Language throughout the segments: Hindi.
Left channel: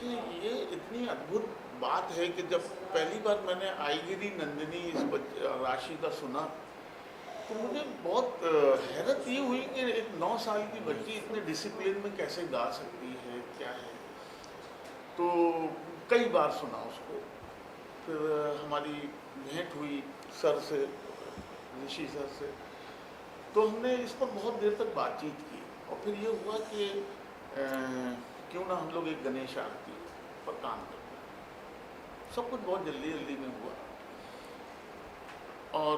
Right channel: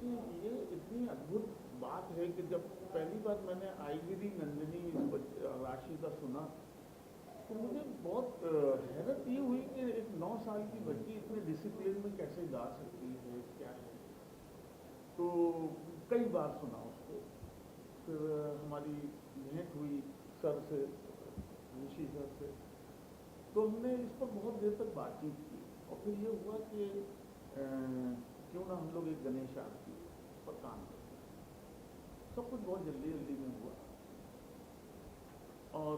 देखिए, ये इतनी अद्भुत बात है कि जब पहली बार मैंने आईगिरी नंदिनी राशि का सुना, तो मुझे बहुत हैरत ये हुई कि एक 9 साल की बच्ची इतने डिसिप्लिन में कैसे गा सकती है, क्या है। तो कई बार सुना उसको। फिर हमारी भेंट हुई सर से, ऋषि सर से, तो हमने इस पर बहुत देर तक बातचीत की। और फिर ये हुआ कि क्यों ना हम लोग एक गणेश आरती पर काम करते हैं। सब कुछ बहुत जल्दी जल्दी में हुआ। और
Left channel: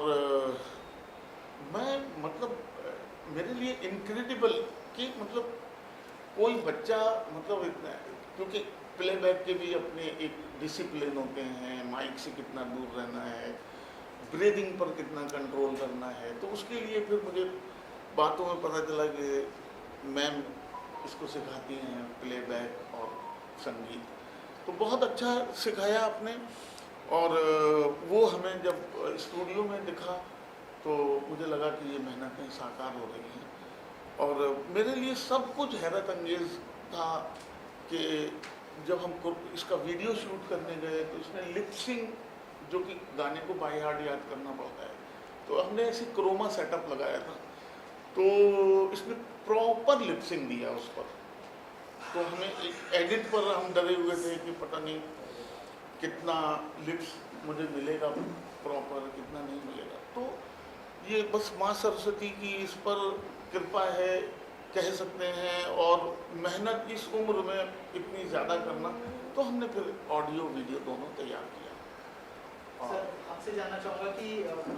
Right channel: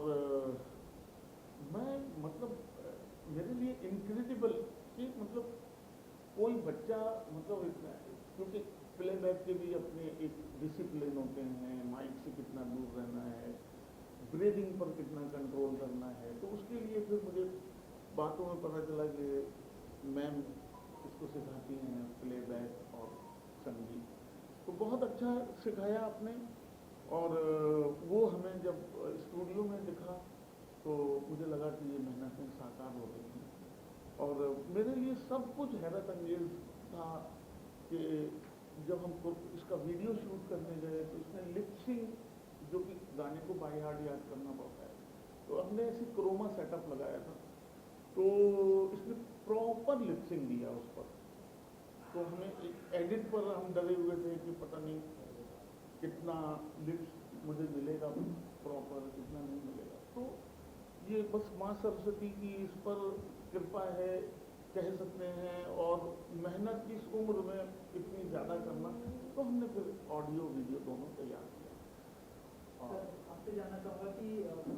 मैं मतलब मेरे लिए इनक्रेडिबल कि मतलब कोई बच्चा मतलब इतना, क्योंकि प्लेबैक के भी अपने एक डिसिप्लिन होते हैं, माइक से कितना दूर रहना है, ब्रीदिंग पर कितना कंट्रोल करना है। तो उसके लिए फिर मुझे बातों में पता चला कि मैम इसको सिखाती हैं प्लेबैक और संगीत। तो बहुत अच्छा सिखाया आपने। और वो हमें जब स्टूडियो में दिखा तो मुझे लगा कि ये मेहनतें साकार हो रही हैं। और मेरे लिए सब कुछ हैरत अंगेज था कि जब हम इसका वीडियो शूट करने गए तो इसमें लिपसिंग, जो कि गाने को बाय हार्ट याद करना पड़ता है, तो हमने ऐसी क्रोमा सेटअप लगाया था। तो इसने प्रॉपर लिपसिंग दिया उस पर। तो हमें एक एडिट पर हम डरे हुए थे कि पता नहीं कितना लिप्स मुझे मिलेगा प्रॉपर, कितना नहीं मिलेगा। तो ये बस माँ सरस्वती की इस पर कृपा है, कह सकते हैं। और मेहनत इस उम्र में इतनी ज़्यादा करना, तो हमने फिर ऑडियो वीडियो दोनों तैयार किया। सर, आपसे जानना चाहूँगा कि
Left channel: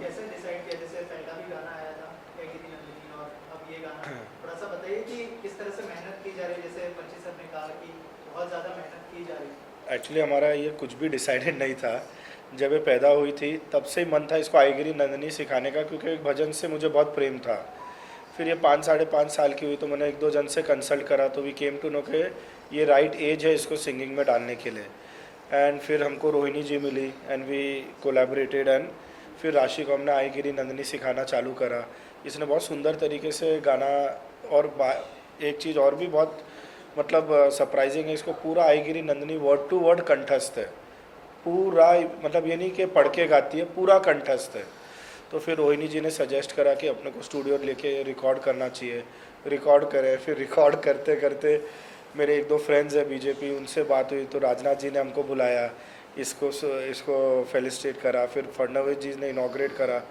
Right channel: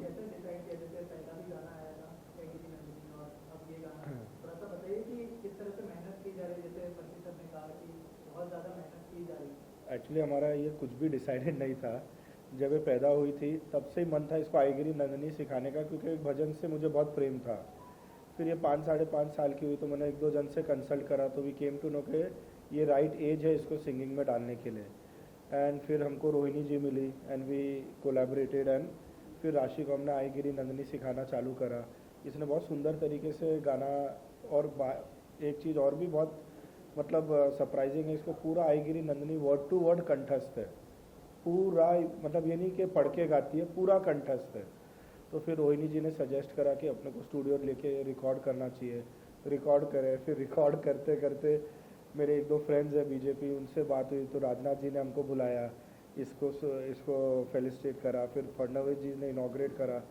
कैसे डिसाइड किया, जैसे पहला भी गाना आया था आईगिरी नंदिनी और अब ये गाना, थोड़ा सा बताइए कि किस तरह से मेहनत की जा रही है। जैसे पंची सर ने कहा कि बहुत ज़्यादा मेहनत की जा रही है। एक्चुअली हमारा ये कुछ भी डिसाइडेड नहीं था। जब ये पैदा हुई थी तब से ही मन था इसको आईगिरी नंदिनी सिखाने का, क्योंकि एक भजन से मुझे बहुत प्रेम था। फिर ये 5-5.5 साल की हुई तो मैंने 1-2 जन से कंसल्ट करा, तो वी केम टू नो के ये राइट एज है इसको सिंगिंग में डालने के लिए। एंड फिर हमको रोहिणी जी मिली एंड वी कोलैबोरेटेड, एंड फिर राशि को हमने आईगिरी नंदिनी सिखाना चालू करा। इसने बहुत सुंदर तरीके से गाना, और एक चीज़ और भी बहुत मतलब सरप्राइजिंग है, इसको पूरा आईगिरी नंदिनी वर्ड टू वर्ड कंठस्थ है पूरा, मतलब ये नहीं कि पढ़ के गाती है, पूरा कंठस्थ है। तो फिर रोहिणी जी ने सजेस्ट करा कि अपने को स्टूडियो लेके रिकॉर्ड करना चाहिए। रिकॉर्ड करे, फिर रिकॉर्ड करते करते मेरे 1-2 फ्रेंड्स हैं बीजेपी, उनसे बात हुई तो राजनाथ जी ने हमको बुलाया, इसको फेलिसिटेट करा। फिर फडणवीस जी ने इनॉग्रेट करा।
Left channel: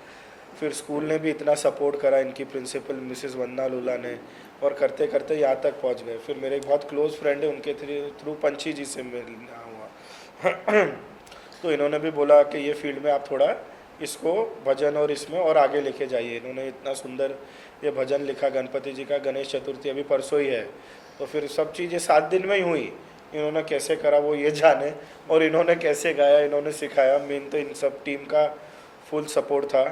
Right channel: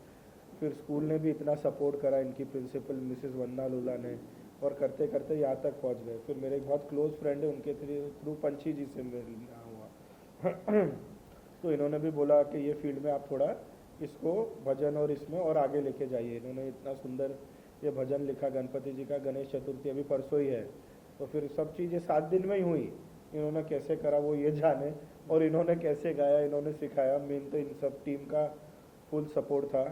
फिर स्कूल ने भी इतना सपोर्ट करा, इनकी प्रिंसिपल मिसेस वंदना लूला ने, और करते करते यहाँ तक पहुँच गए। फिर मेरे एक बहुत क्लोज फ्रेंड है, उनके थ्रू पंची जी से मिलना हुआ तो इन्होंने भी बोला कि ये फील्ड में आप थोड़ा इसको भजन और इसमें और आगे लेके जाइए। इन्होंने इतना सुंदर ये भजन लिखा गणपति जी का, गणेश चतुर्थी अभी परसों ही है। तो फिर सब चीज़ें 7 दिन में ही हुई। इन्होंने कैसे करा वो ये जाने, और इन्होंने कैसे गाया, इन्होंने सिखाया। मेन तो इन सब टीम का फुल सपोर्ट था।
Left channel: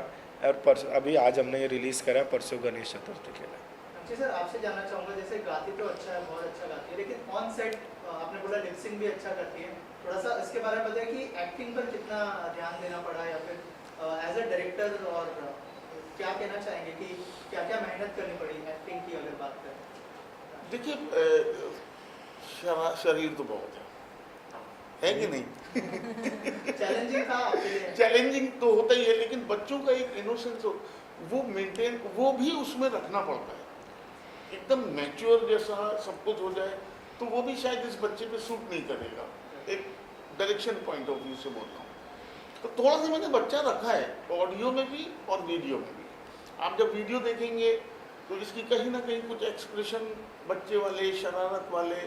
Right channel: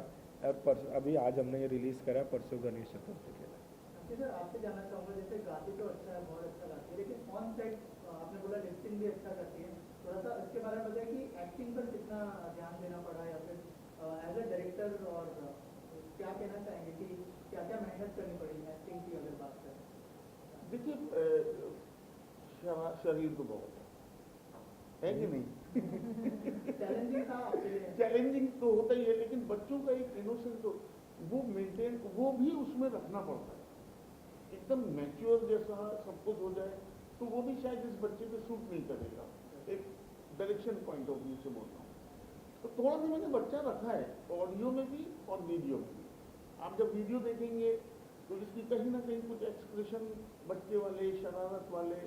और अभी आज हमने ये रिलीज़ करा परसों गणेश चतुर्थी के लिए। जी सर, आपसे जानना चाहूँगा, जैसे गाती तो अच्छा है, बहुत अच्छा गाती है, लेकिन ऑन सेट आपने बोला लिपसिंग भी अच्छा करती है, थोड़ा सा इसके बारे में बताइए कि एक्टिंग पर कितना ध्यान देना पड़ा, या फिर एज अ डायरेक्टर, और क्या कहना चाहेंगे कि क्या क्या मेहनत करनी पड़ी एक्टिंग की अगर बात करें। देखिए, शरीर तो बहुत है कि नहीं? चैलेंजिंग था आपके लिए? चैलेंजिंग तो होता ही है, लेकिन बच्चों का एक इनोसेंस वो मेंटेन, वो भी उसमें रखना पड़ता है। एकदम मैच्योर जैसा सब कुछ हो जाए तो वो भी शायद इस बच्चे पे सूट नहीं करेगा। एक डायरेक्शन पॉइंट ऑफ व्यू से बोलता हूँ। तो थोड़ा सा मैंने बच्चा रखा है ऑडियो में भी और वीडियो में भी। आप जब वीडियो देखेंगे तो इसकी कहीं ना कहीं कुछ एक्सप्रेशन बच्चे वाले, शरारत वाले,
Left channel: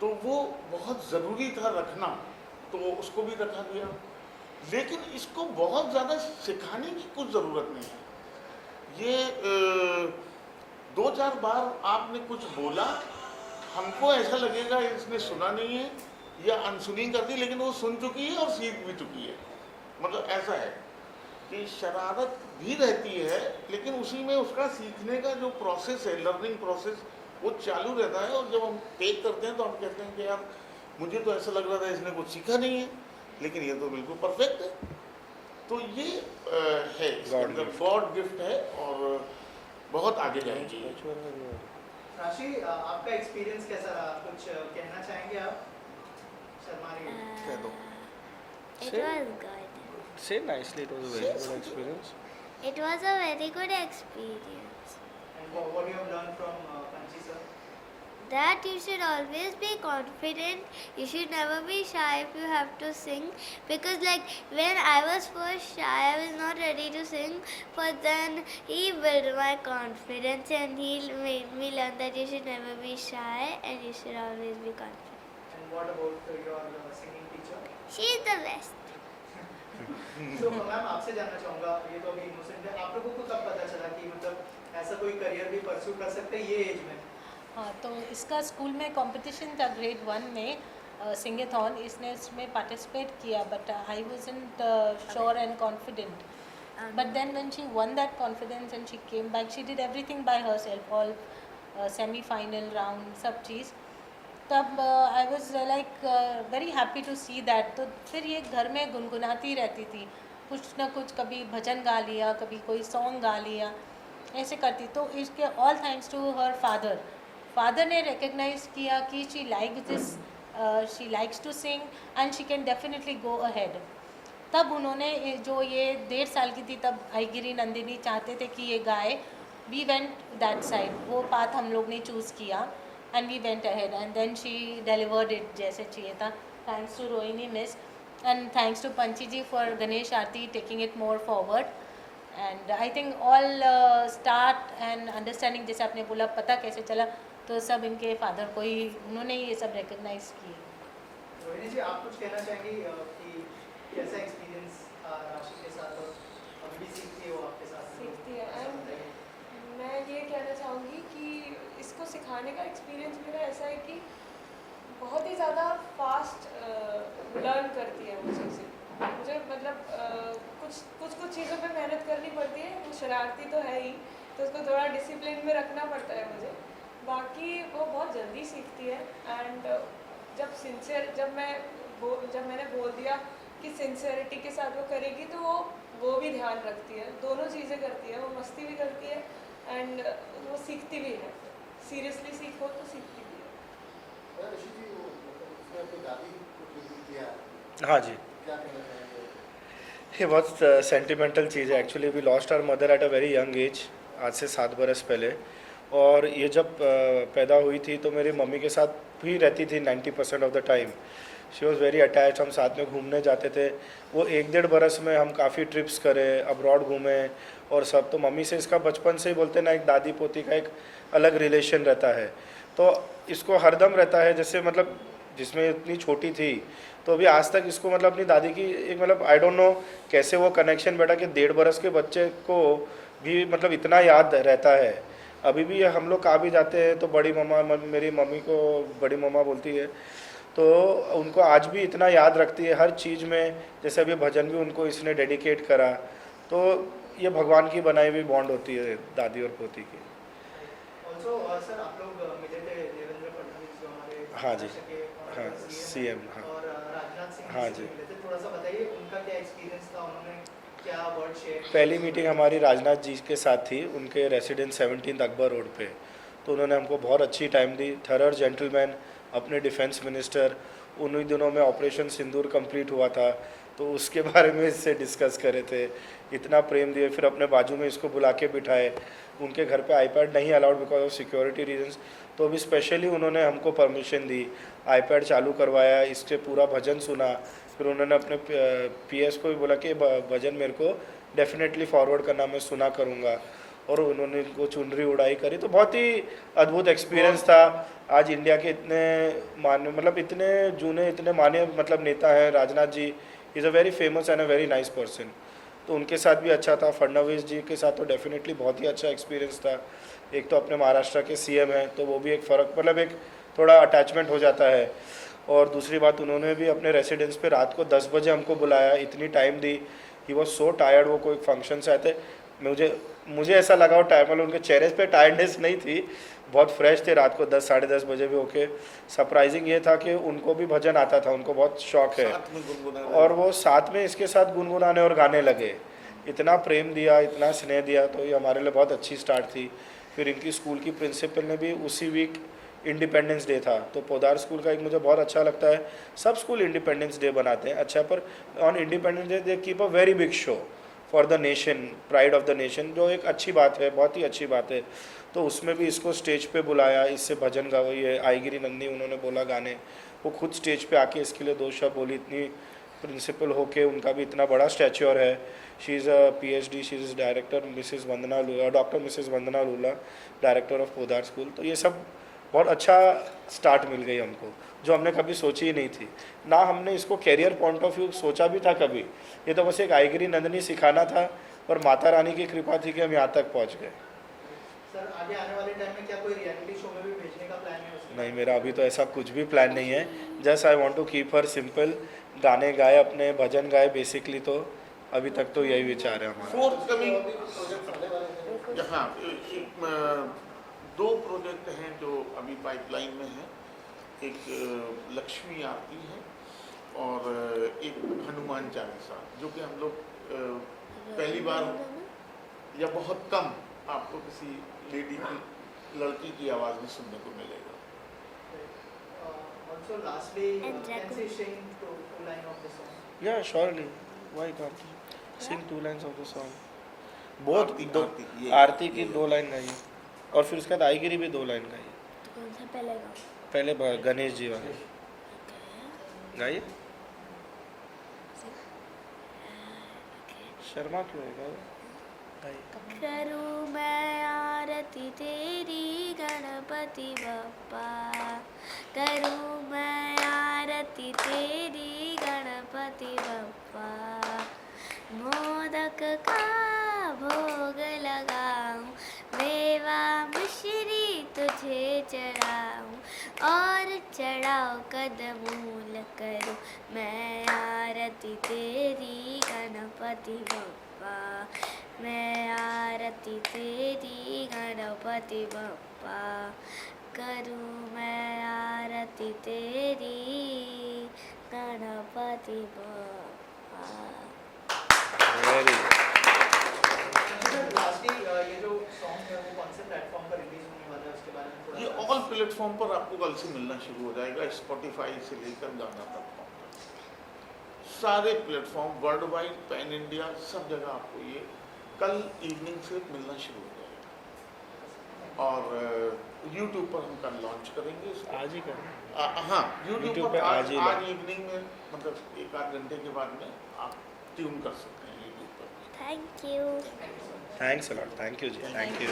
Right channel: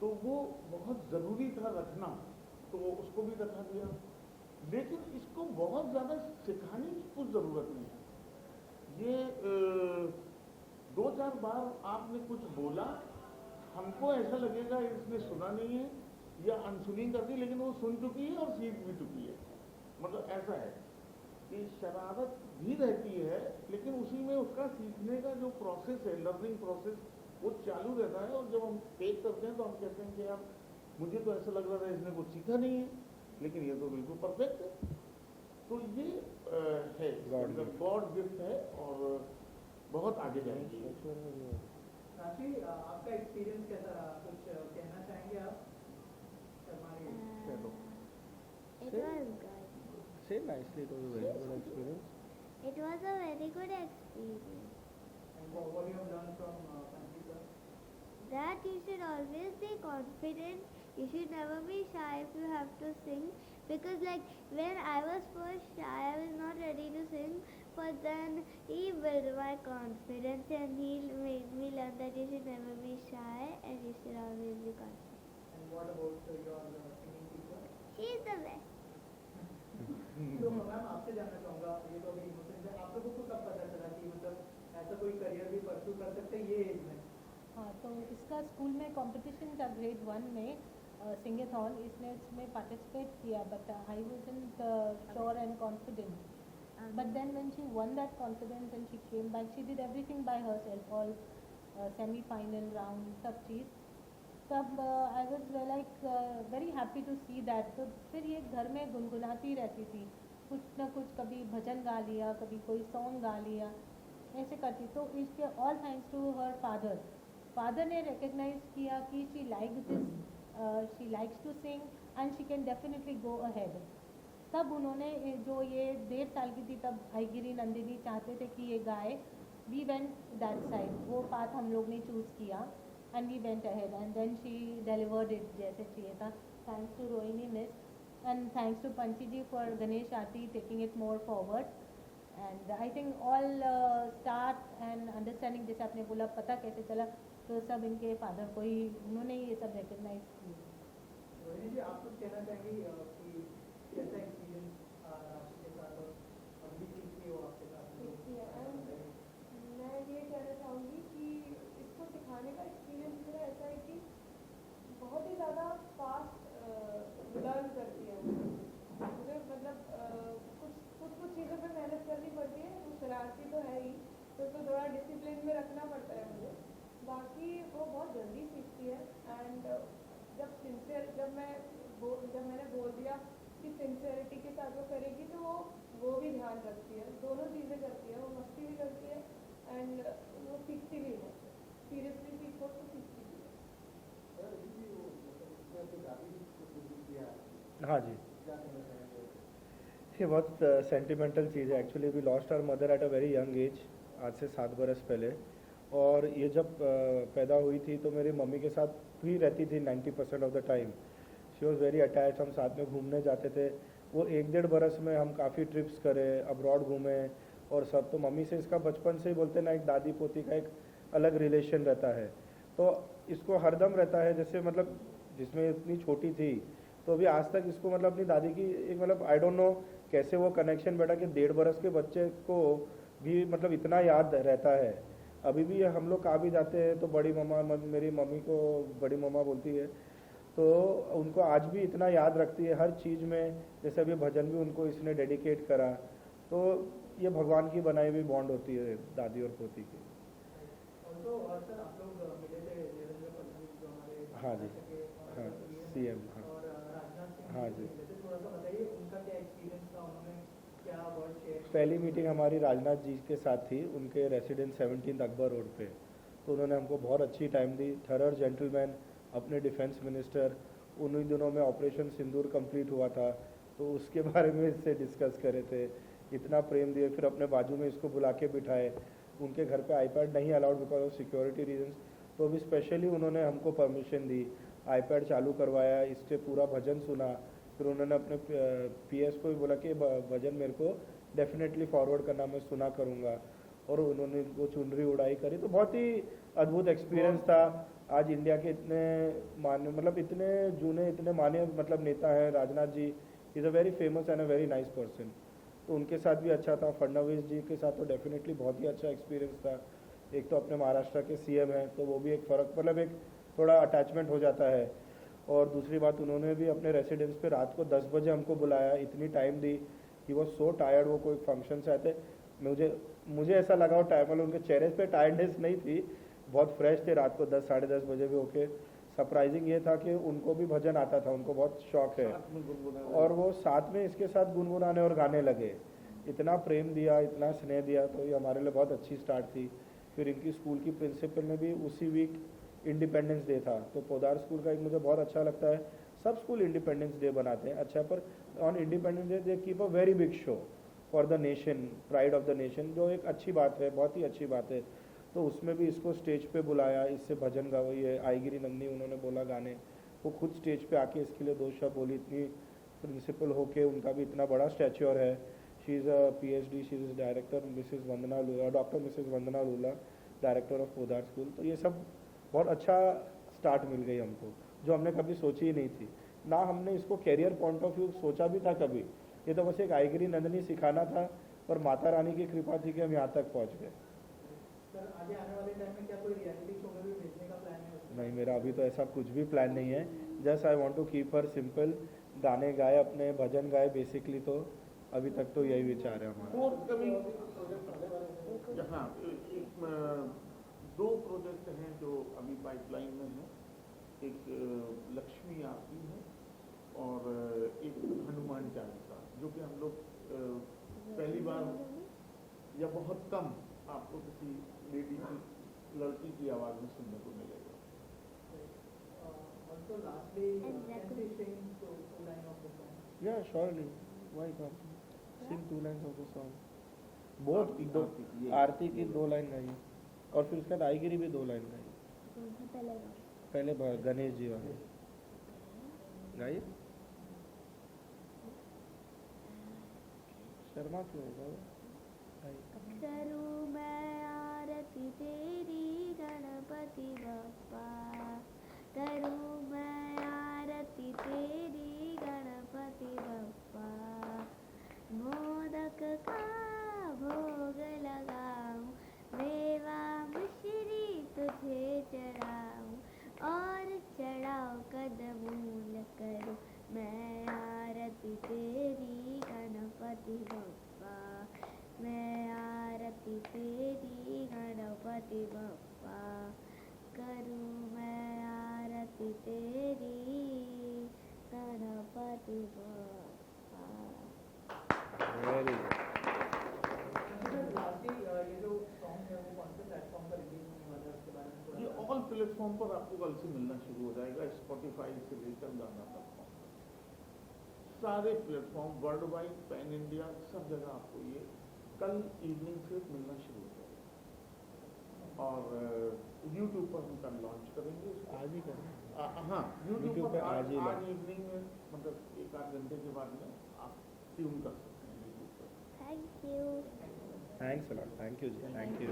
तो वो बहुत ज़रूरी था रखना, तो उसको भी रखा गया। लेकिन इसको बहुत ज़्यादा सिखाने की कुछ ज़रूरत नहीं है। ये 2-4 बार आपने कुछ बोला, हमको ऐसा लगेगा इसने सुना नहीं है या अनसुनी कर दी, लेकिन वो सुन चुकी है और सीख भी चुकी है। मतलब ऐसा है कि शरारत भी रहती है, लेकिन उसी में उसका सीखने का जो प्रोसेस है, लर्निंग प्रोसेस, वो चालू रहता है। और जब हम टेक करते हैं तो हम कहते हैं कि यार मुझे तो ऐसा लग रहा था इसने कुछ सीखा नहीं है, लेकिन ये तो बिल्कुल परफेक्ट है। तो ये है इसके अंदर गॉड गिफ्ट है, और बहुत आगे जाएंगे। राशि, आपका एक्सपीरियंस कैसा रहा, कुछ कहना चाहेंगे आप? It Say- was good. Say nicely, it was a very good experience. It was a very good experience. And what you have learned from Panchi sir? That you should always be confident. You should never be shy if you have to sing. Because like when I was first shy, I was not ready to sing. But then he built my confidence and he made me learn that you should never be shy and you should always be confident. And what about your singing teacher? She is the best. तो मैम आपसे जानना चाहूँगा, ये तो अभी इनोसेंट है, आप लोगों को कब पता चला कि मतलब ऐसा कोई करियर भी परस्यू कर सकते हैं ये एज में? हाँ, तो इसका स्कूल में कंपटीशन था ग्रेड 1 में सिंगेथॉन, इसने इसमें पार्टिसिपेट किया but I wasn't sure and confident. But then when she won that confidence and she came back, she did everything by herself, all semi-final round, सब चीज़. तब I was very happy to see that. तो फिर ये घर में गुनगुनाती रहती थी, कुछ ना कुछ, कभी भजन गा लिया, कभी कोई सॉन्ग गा लिया, ऐसे करती. तो इसके all thanks to her father ने रिकग्नाइज किया कि she like this, she likes to sing and she can definitely go ahead. तब उन्होंने जो ये 1.5 साल की थी तब आईगिरी नंदिनी चाहते थे कि ये गाए. वी वेंट दैट साइड, वो पाथ हम लोग ने चूज़ किया and we went ahead and then she delivered it जैसे चाहिए था. Thanks to Rohini miss and thanks to Panchi ji for Ganesh aarti taking it more forward. And I think all start and understanding, जैसे आपने बोला पता कैसे चला, तो सब इनके फादर को ही, उन्होंने ये सब रिकग्नाइज किए. रोहिणी जी, आप कुछ कहना चाहेंगी कि कैसा एक्सपीरियंस राशि के साथ और अभी भी सीखती है वो आपके साथ? सीखती है ऐसा एंड बताइए। मैं ये कहना चाहूँगी कि इसको सिखाने का एक्सपीरियंस मेरा ऐसा है कि बहुत ही ज़्यादा फास्ट लर्न करती है वो चीज़ें. मुझे मतलब कुछ चीज़ों पे मेहनत करनी पड़ती है. वो शरारती तो है ही, तो उसको थोड़ा डिसिप्लिन में रखना पड़ता है मुझे. बाकी वो बहुत जल्दी सीखती है. एंड जब मैंने बोल दिया कि सिंसियरिटी के साथ वो करेगी, तो वो भी ध्यान रखती है. दोनों चीज़ें करती है, वो मस्ती भी करती है एंड वो सीखती भी है. सीरियसली सीखो तो सीखती भी है. हाँ जी, ये बहुत सेंटिमेंटल चीज़ है. Actually we lost our mother at a very young age, आज से 7 बरस पहले. और ये जब पैदा हुई थी तो मेरी मम्मी के साथ भी रहती थी 90% of the time. She was very attach. हम साथ में घूमने जाते थे. वो 1-1.5 बरस में हम काफ़ी ट्रिप्स करे, अब्रॉड घूमे और सब. तो मम्मी से इसका बचपन से ही बोलते ना, एक दादी पोती का एक अलग रिलेशन रहता है. तो इसको हरदम रहता है, जैसे मतलब जिसमें इतनी छोटी थी तो अभी आज तक इसको मतलब अपनी दादी की एक मतलब आई डोंट नो कैसे वो कनेक्शन बैठा कि 1.5 बरस के बच्चे को भी मतलब इतना याद रहता है. अभी भी हम लोग कहाँ भी जाते हैं तो बड़ी मम्मा, मेरी मम्मी को बड़ी मम्मा बोलती है, तो उनको आज भी इतना याद रखती है हर चीज़ में. जैसे अभी भजन भी उनको इसने डेडिकेट करा. तो ये भगवान की बनाई हुई बॉन्ड होती है दादी और पोती की. ऑल्सो सर, आप लोग मिले थे देवेंद्र फडणवीस जो हमारे हाँ जी, महाराष्ट्र के हाँ, CM CM, हाँ. और राजनाथ सिंह हाँ जी से जी. मिले थे. थोड़ा सा बताइए उनका क्या एक्सपीरियंस था, उन्होंने क्या वर्ड शेयर? पहली मीटिंग हमारी राजनाथ जी के साथ थी, उनके रेसिडेंस 17 अकबर रोड पे. तो उन्होंने हमको बहुत अच्छी टाइम दी. थरर जेंटलमैन, अपने डिफेंस मिनिस्टर. उन्हीं दिनों में ऑपरेशन सिंदूर कंप्लीट हुआ था तो उसके बारे में इससे डिस्कस करे थे. इतना प्रेम दिए. फिर अपने बाजू में इसको बुला के बिठाए. उनके घर पे आईपैड नहीं allowed because of security reasons, तो अभी स्पेशली उन्होंने हमको परमिशन दी, आईपैड चालू करवाया, इससे पूरा भजन सुना. फिर उन्होंने अपने PS को भी बोला कि भजन मेरे को डेफिनेटली फॉरवर्ड करना, मैं सुना करूँगा. और उन्होंने इनको चुनरी उड़ाई करी. तो बहुत ही अद्भुत एक्सपीरियंस था. आज इंडिया के इतने मान्य मतलब इतने जूने इतने मान्य मतलब नेता हैं. Rajnath ji is a very famous and a very nice person. तो उनके साथ भी अच्छा था. फडणवीस जी के साथ तो डेफिनेटली बहुत ही अच्छा एक्सपीरियंस था. एक तो अपने महाराष्ट्र के CM हैं तो वो भी एक फ़र्क मतलब एक थोड़ा अटैचमेंट हो जाता है. और दूसरी बात, उन्होंने भी अपने रेसिडेंस पे रात को 10 बजे हमको बुलाया, इतनी time the. He was so tired. वो कोई फंक्शन से आए थे. मुझे ऐसा लगा वो टाइम मतलब उनके चेहरे पे टायर्डनेस नहीं थी, बहुत फ्रेश थे. रात को 10 साढ़े 10 बजे भी ओके. सरप्राइजिंग ये था कि उनको भी भजन आता था, उनको बहुत शौक है. साथ में गुनगुनाना. और वो साथ में इसके साथ गुनगुनाने और गाने लगे. इतना प्रेम दिया, इतना स्नेह दिया. तो ये हमारे लिए बहुत अच्छी स्टार्ट थी. फिर इनकी स्कूल की प्रिंसिपल ने भी उसी वीक इंडिपेंडेंस डे था, तो पोदार स्कूल का एक मुझे बहुत अच्छा लगता है, सब स्कूल इंडिपेंडेंस डे बनाते हैं अच्छा, पर on independence day they keep a very big show for the nation, pride of the nation, जो एक अच्छी बात है, बहुत ही अच्छी बात है। तो उसमें भी इसको स्टेज पे बुलाया, इससे भजन गाई है, आईगिरी नंदी उन्होंने बोला गाने, वो खुद स्टेज पे आके इसके लिए 2 शब्द बोली, इतनी प्रिंसिपल होके उनका भी इतना बड़ा स्टैच्योर है। She is a PhD, she is director Mrs Vandana Lula, doctor Mrs Vandana Lula, director of Podar school. तो ये सब बहुत अच्छा स्टार्ट मिल गई हमको, जो हमने कभी सोची ही नहीं थी, ना हमने इसको कैरियर पॉइंट ऑफ व्यू सोचा भी था कभी। ये तो बस एक आईगिरी नंदनी सिखाना था, और माता रानी की कृपा थी कि हम यहाँ तक पहुँच गए। सर आगे आने वाले टाइम में क्या कोई रियलिटी शो में भी भेजने का प्लान है उसके? नहीं, मेरा अभी तो ऐसा कुछ भी प्लान नहीं है। Just I want to keep her simple, गाने गाए अपने, भजन गाए बेसिकली, तो अभी तक तो यही विचार है हमारा। फोर्थ कमिंग, प्रोजेक्ट आने वाले हैं? हाँ, 2 प्रोजेक्ट हैं जो अभी पाइपलाइन में हैं। एक लक्ष्मी आरती है और एक हनुमान चालीसा, जो कि हम लोग पहली बार या बहुत कम आपको किसी लेडी की, लड़की की आवाज़ में सुनने को मिलेगा। Also lastly, And can Jacob. she sing two line of the song? Yeah, surely. Why can't you? Sing 2 lines of the song. बहुत आरती की 2 लाइन गाइए, और फिर उसके बाद आईगिरी भी 2 लाइन गाइए। तो कौन सा पहले गाओ? पहले गणेश जी वाले गाइए। शर्मा क्यों है, गाइए। करूँ मैं आरती तेरी गणपति बप्पा, करूँ मैं आरती तेरी गणपति बप्पा, मोदक का भोग लगाऊं, मेवा मिश्री तुझे चढ़ाऊं, और चढ़ाओ कदमूल करूँ मैं आरती तेरी गणपति बप्पा, मैं आरती तेरी गणपति बप्पा, करूँ मैं आरती तेरी गणपति बप्पा। वेरी लास्टली ये जो सॉन्ग है वो कौन से प्लेटफॉर्म पर रिलीज होने वाला है उसके बारे में थोड़ा ये सा? ऑल प्लेटफॉर्म पर आपको कल से मिलना शुरू हो जाएगा, स्पॉटिफाई से लेकर गाना तक, सारे platform world wide, pan India, सब जगह आपको ये कल इवनिंग से मिलना शुरू हो जाएगा। और यूट्यूब पर हम कल लॉन्च करेंगे इसको। आज ही करें। हाँ, यूट्यूब YouTube पर पे आज आज ही आज इवनिंग में, मतलब 1 आध घंटे के बाद में आप ट्यून कर सकते हैं यूट्यूब पर। Thank you. Thanks a lot, thank you ji, thank you.